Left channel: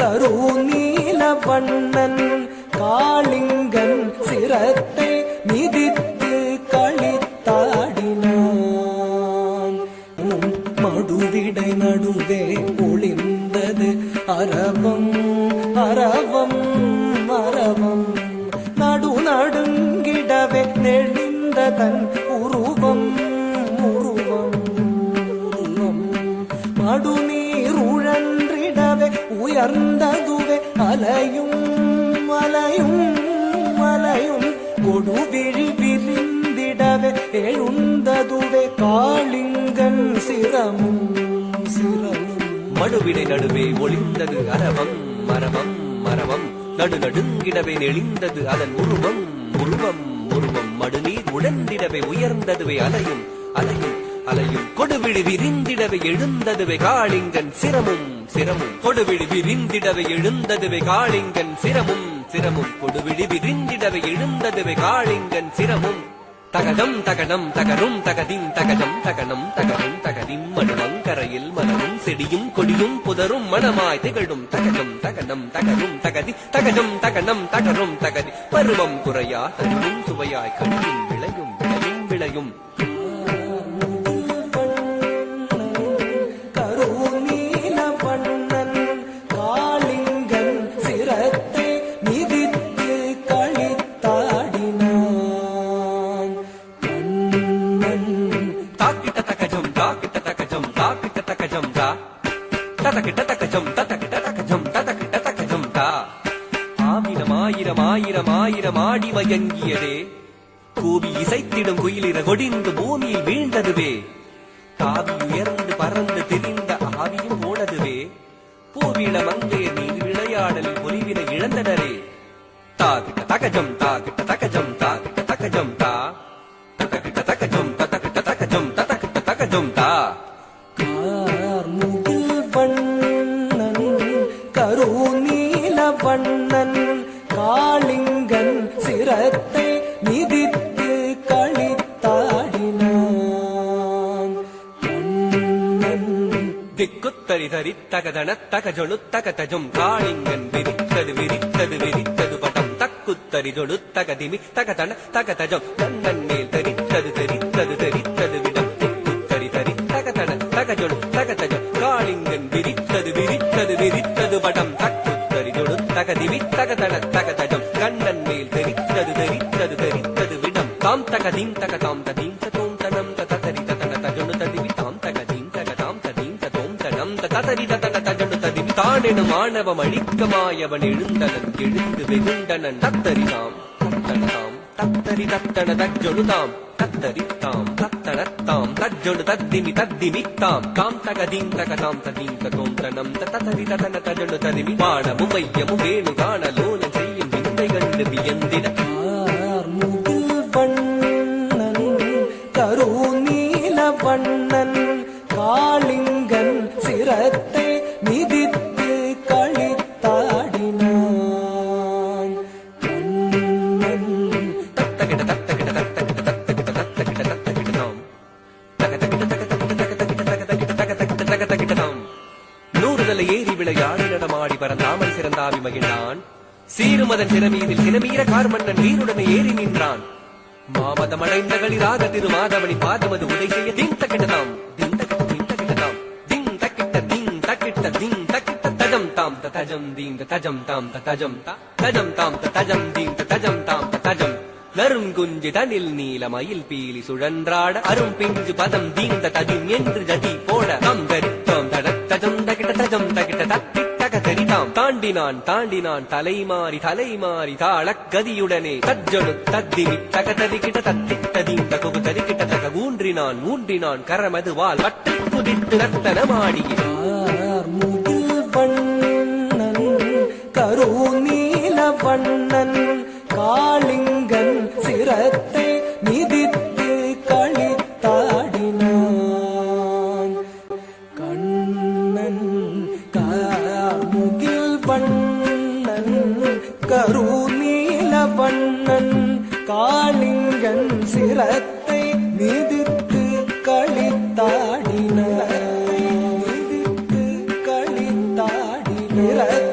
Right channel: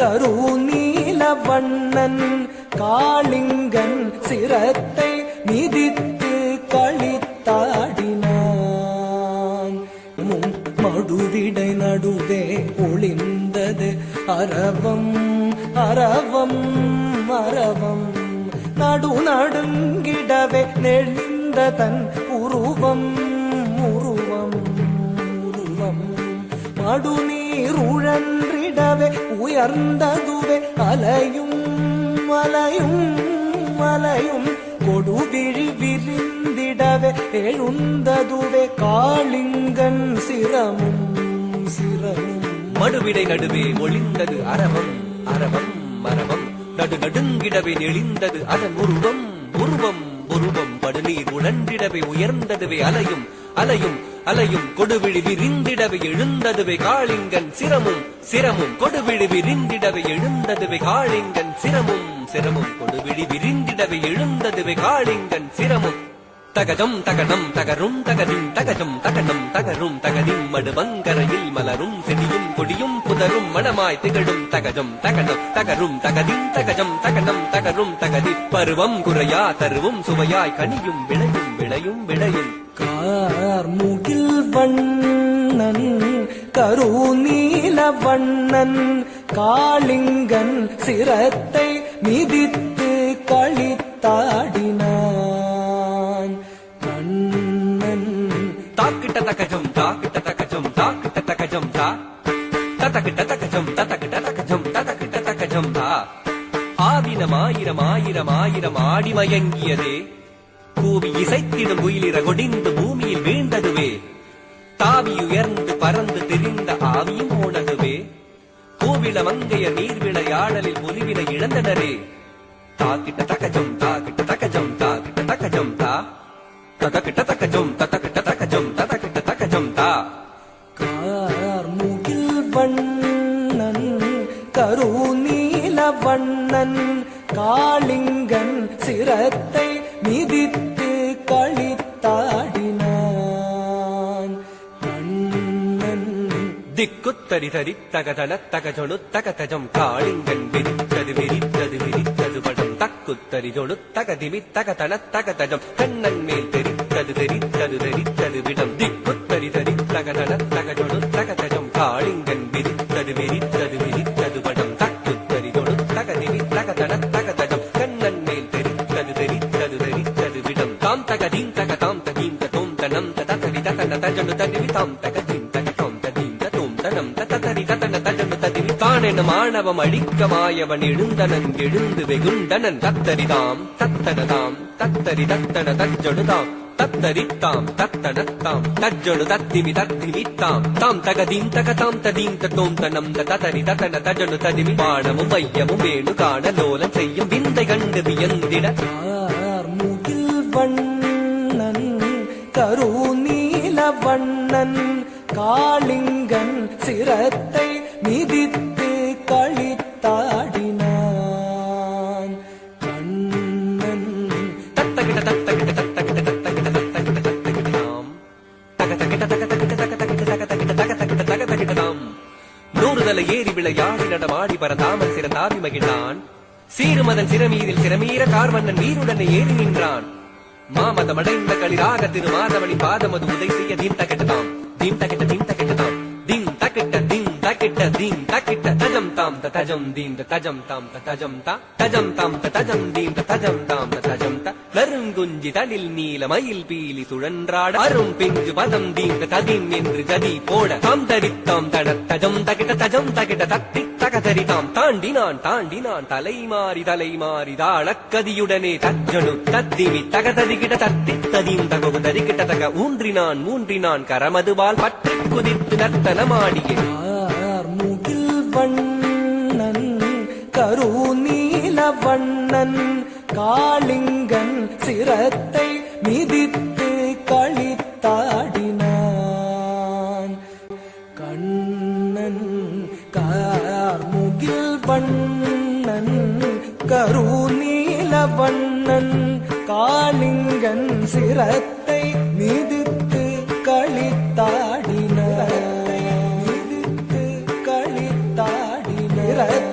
கருநீல வண்ணன் காளிங்கன் சிரத்தை மிதித்து களித்தாடினான். மடுவிடை நடுவே ஒளிந்தது அரவம் அரவம் அரவம். நடு நடுங்கிடவே நெளிந்த தன் உருவம் உருவம் உருவம். மடுநீர் உழன்றிடவே உயர்ந்ததுவே அலையும் அலையும் அலையும். கொடுவிழி விரிந்திடவே எழுந்ததுவே காளிங்கன் சிரமும் சிரமும். மடுவிடை நடுவே ஒளிந்தது அரவம் அரவம் அரவம். நடு நடுங்கிடவே நெளிந்தது அதன் உருவம் உருவம் உருவம். மடுநீர் உழன்றிடவே உயர்ந்ததுவே அலையும் அலையும் அலையும். கொடுவிழி விரிந்திடவே எழுந்ததுவே காளிங்கன் சிரமும் சிரமும். கொடுவிழி விரிந்திடவே எழுந்ததுவே காளிங்கன் சிரமும் சிரமும். கொடுவிழி விரிந்திடவே எழுந்ததுவே காளிங்கன் சிரமும். தகதம் தகடம் தகரும் தகதின் தகடம் தகடம் தகரும் தகதின். மடுவங்கரையில் மலரும் செடியும் கொடியும் புதரும் மணமாய் திகழும் தகடம் தகடம் தகரும் தகதின் தகடம் தகடம் தகரும் தகதி. பருவம் குறையா தருவும் சுவையாய் கனியும் விளையும் விளையும் விளையும். கார்முகில் வண்ணன் கருநீல வண்ணன் காளிங்கன் சிரத்தை மிதித்து களித்தாடினான். கண்ணன் தாக்கிட்ட தகஜம் தாக்கிட்ட தகஜம் தாக்கிட்ட தகஜம் தா ததக்கிட்ட தகஜம் ததக்கிட்ட தகஜம் ததக்கிட்ட தகஜம் தா. ஆயிரம் ஆயிரம் ஆயிரம் ஆயிரம் ஆடி வயங்கியதே கூவி இசைத்திடும் குயிலிற கொடிந்து பூமியில் வீழ்ந்ததுவே. தாவி உயர்ந்து பறந்து திரிந்த ஆயும் உணதுவே. பூவிட வந்தைய நீர் விளையாடலில் புலிவிட இழந்தனரே. தாக்கிட்ட தகஜம் தாக்கிட்ட தகஜம் தாக்கிட்ட தகஜம் தா ததக்கிட்ட தகஜம் ததக்கிட்ட தகஜம் ததக்கிட்ட தகஜம் தா. கார்முகில் வண்ணன் கருநீல வண்ணன் காளிங்கன் சிரத்தை மிதித்து களித்தாடினான். கண்ணன் திக்குத்தரி தரி தகதன தகஜொழு தகதஜம். காளிங்கன் விரித்தது விரித்தது விரித்தது வடம். தக்குத்தரி ஜொழு தகதிவி தகதன தகதஜம். கண்ணன் மேல் தெரித்தது தெரித்தது தெரித்தது விடம். திக்குத்தரி தரி தகதன தகஜொழு தகதஜம். காளிங்கன் விரித்தது விரித்தது விரித்தது வடம். தக்குத்தரி ஜொழு தகதிவி தகதன தகதஜம். கண்ணன் மேல் தெரித்தது தெரித்தது தெரித்தது விடம். தாம் தகதீம் தகதாம் ததீம் ததோம் தனம் ததரி ததன தஜொழு ததிவி தாம் தகதீம் தகதாம் ததீம் ததோம் தனம் ததரி ததன தஜொழு ததிவி. தானென மாணவம் அழிக்கமாயவன் எழுந்தனன் எழுந்து வெகுண்டனன். தத்தரிதாம் தத்தனதாம் தத்தரி தத்தன தஜொழுதாம் தத்தரித்தாம் தத்தனத்தாம் தஜொழு தத்திமி தத்திமித்தாம். தாம் தகதீம் தகதாம் ததீம் ததோம் தனம் ததரி ததன தஜொழு ததிவி. பாடமும் மையமும் வேணு காண லோல செய்யும் விந்தை கண்டு வியந்திட. கார்முகில் வண்ணன் கருநீல வண்ணன் காளிங்கன் சிரத்தை மிதித்து களித்தாடினான். கண்ணன் தத்தகிட தத்தகிட தத்தகிட தத்தகிட தத்தகிட தத்தகிடாம் தகதகிட தகதகிட தகதகிட தகதகிட தகதகிட தகதகிடாம். நூறு நிலை ஏறி விளையாடி நடமாடி பரந்தாமல் சிறந்தாவி மகிழான். சீருமத சிறமீரில் சிறமீர கார்மன்னன் வீருடனே ஏறி நின்றான். மாமதமடைந்த களிராக திருமாதவனி பாதமது உதை செய்ய தீம் தகிடதாம் தீம் தகிட தீம் தகிடதாம். திங் தகிட்ட திங் தகிட்ட திங் தகிட்ட தஜம் தாம் தஜம் தீம் தஜம் தாம் தஜம் தா தஜம் தாம் தஜம் தீம் தஜம் தாம் தஜம் த. வரும் குஞ்சு தனில் நீல மயில் பீலி சுழன்றாட. அரும் பிஞ்சு பதம் தீம் ததிம் என்று ஜதி போட. தாம் தரித்தாம் தட தஜம் தகிட தஜம் தகிட தத்தி தகதரிதாம். தாண்டினான் தாண்டினான் தலைமாறி தலைமாறி தாளக்கதியுடனே. தஜ்ஜொழு தத்திவி தகதரிகிட தத்தி ததீம் தகவு தரிகிட்ட தக. ஊன்றினான் மூன்றினான் கரமதுவால் பட்டு குதித்து நர்த்தனமாடிய. கார்முகில் வண்ணன் கருநீல வண்ணன் காளிங்கன் சிரத்தை மிதித்து களித்தாடினான். கண்ணன் கார்முகில் வண்ணன் கருநீல வண்ணன் காளிங்கன் சிரத்தை மிதித்து களித்தாடினான். மிதித்து களித்தாடினான்.